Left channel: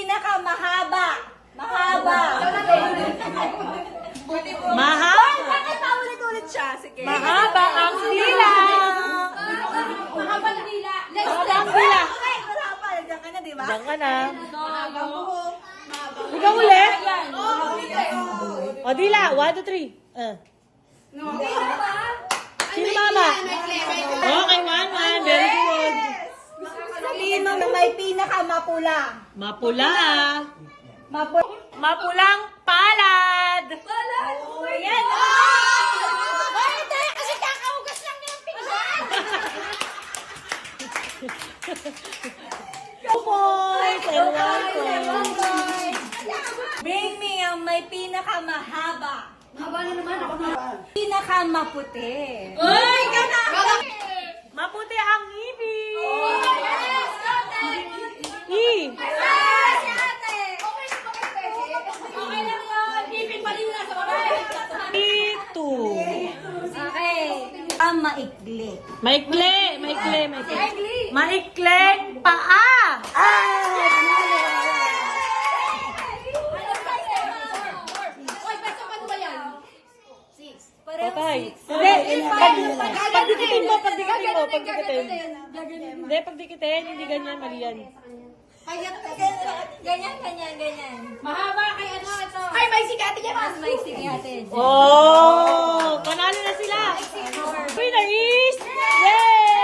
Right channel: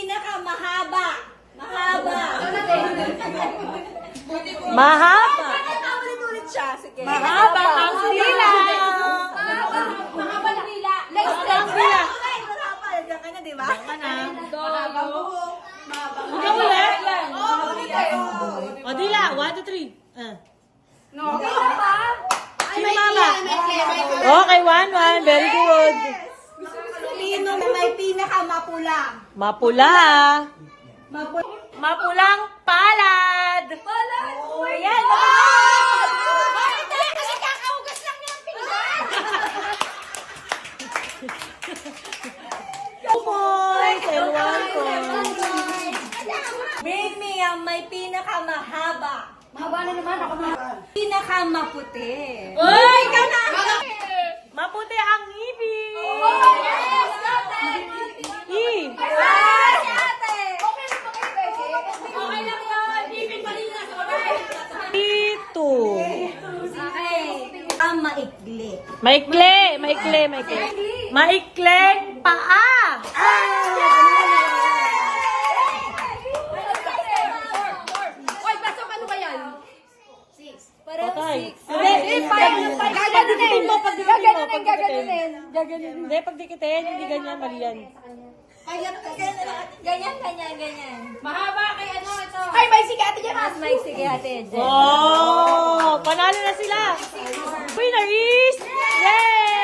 pinakamahaba. Mahaba. Mahaba. Ulit siya. Sige. Mahaba ang dila. Mahaba na dila. Mahaba ang dila. Okay, mahaba. Diyan ka na, di ba? Diyan ka na. Mahaba buhok. Ikaw ulit. Oh, O, dila. 1, 2, 3. No. Sino mama? Okay, 1, 1. Very good. Sabihin mo na may pinakamapula. Mapula. Mapula. Mapulang palad. Palad! Oh, yan. Bakit tayo? Kasi kakaugas lang yung tingnan! 2 points and 1 point. Bring me ang may pinakamahaba. Mahaba na naman ako na. Pinakamaputi. Uy, maputi ang ngipin. Okay lang yun. Ipin pa rin na sa kamay. Ito. Okay. Ang maikli. Maikli. Maikling paa. Oy, pasok ano ba yan? Patay. Pagdikitin mo. Hindi, pagdikitin. Hindi ganyan, mali yan. Ganyan. Mahaba kay ano ito. Ay, may sikati niya. Mas maikli ate. Oh! Panalo na sila. Winner is... Yay!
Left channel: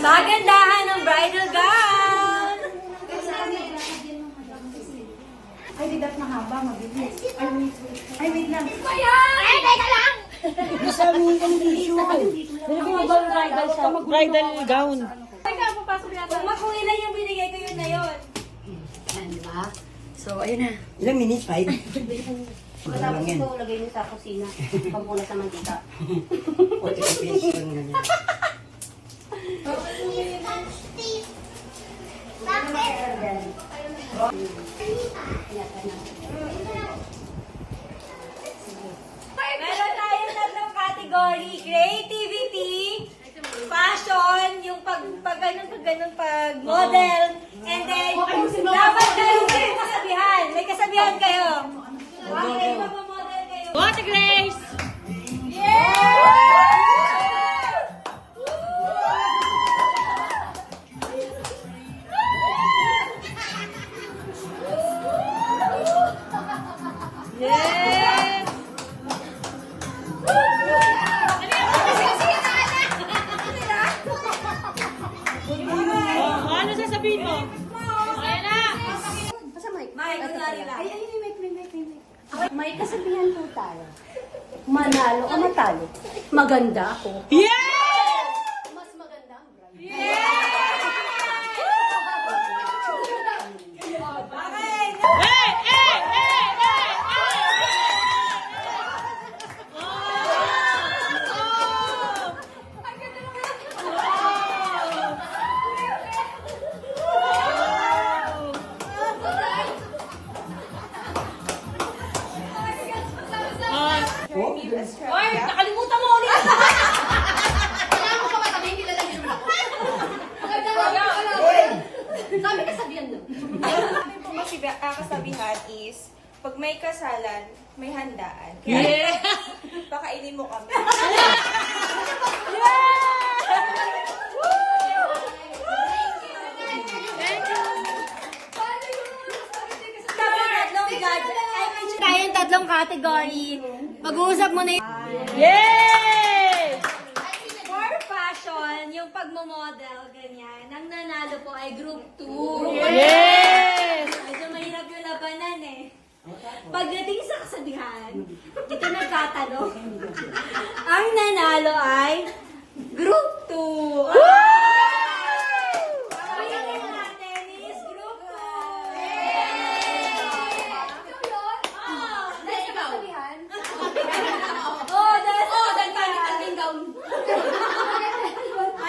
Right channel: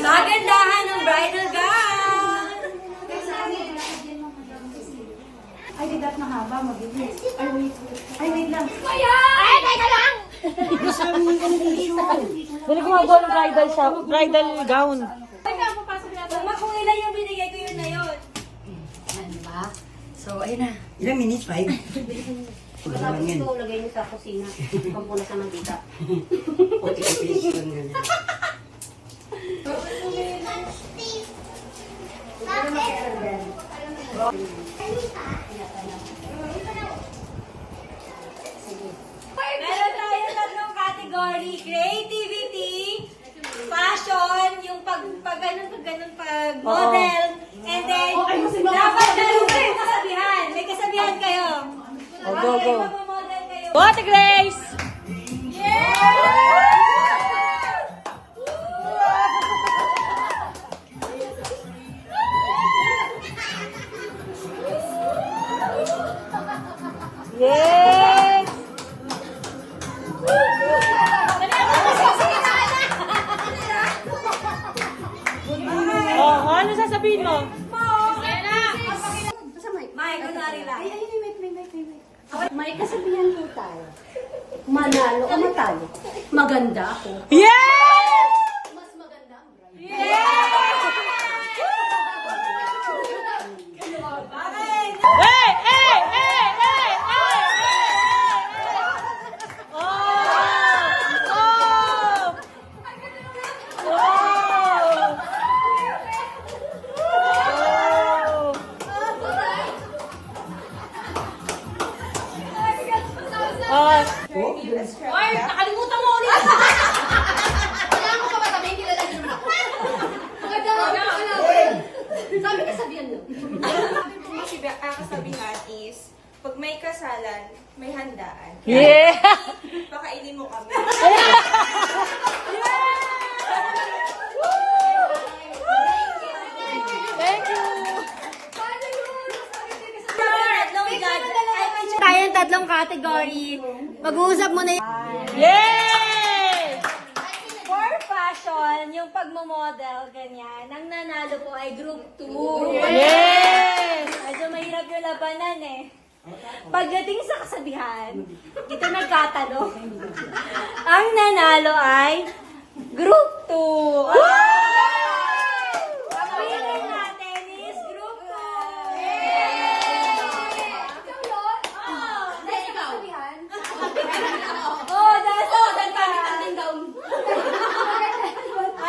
Kagandahan ng bridal gown. Ay, di dapat mahaba, mabilis. Ay, wait lang. Ay, teka lang! Bili ko nga ba ng bridal gown? Kung kung ilan yung binigay ko yun na yun. Yan, di ba? So, ayun na. Ilang minutes? 5? Tapos ito, lagay niyo sa kusina. Pampunas sa mantika. 45 minutes lang ganyan. Meron tayong tatlong category. Creativity, fashion, yung pag model, and then dapat kayo may kasabihan. May kasabihan kayo. Go. Magmamodel kayo. Go, Ate Grace! Yes! Oh, ano sasabihin mo? Ayan na! Basta may. Mike, kunwari lang. Ay, may kasabihan po tayo. Manalo o matalo. Maganda ako. Yes! Mas maganda ang brand. Hey! Oh! Oy, nakalimutan mo ulit. Wala mo ka matabi, kilala niyo naman. Maganda lang. Sabi kasabihan nun. Sabi po kasi kasabihan is, pag may kasalan, may handaan. Yeah! Pakainin mo kami. Thank you! Tayong tatlong category. Mag-uusap mo na yung... Yay! For fashion, yung pagmamodel, ganyan. Ang nanalo po ay group 2. Yes! Medyo mahirap yung labanan eh. Pagdating sa kasabihan, ito nagkatalo. Ang nanalo ay group 2.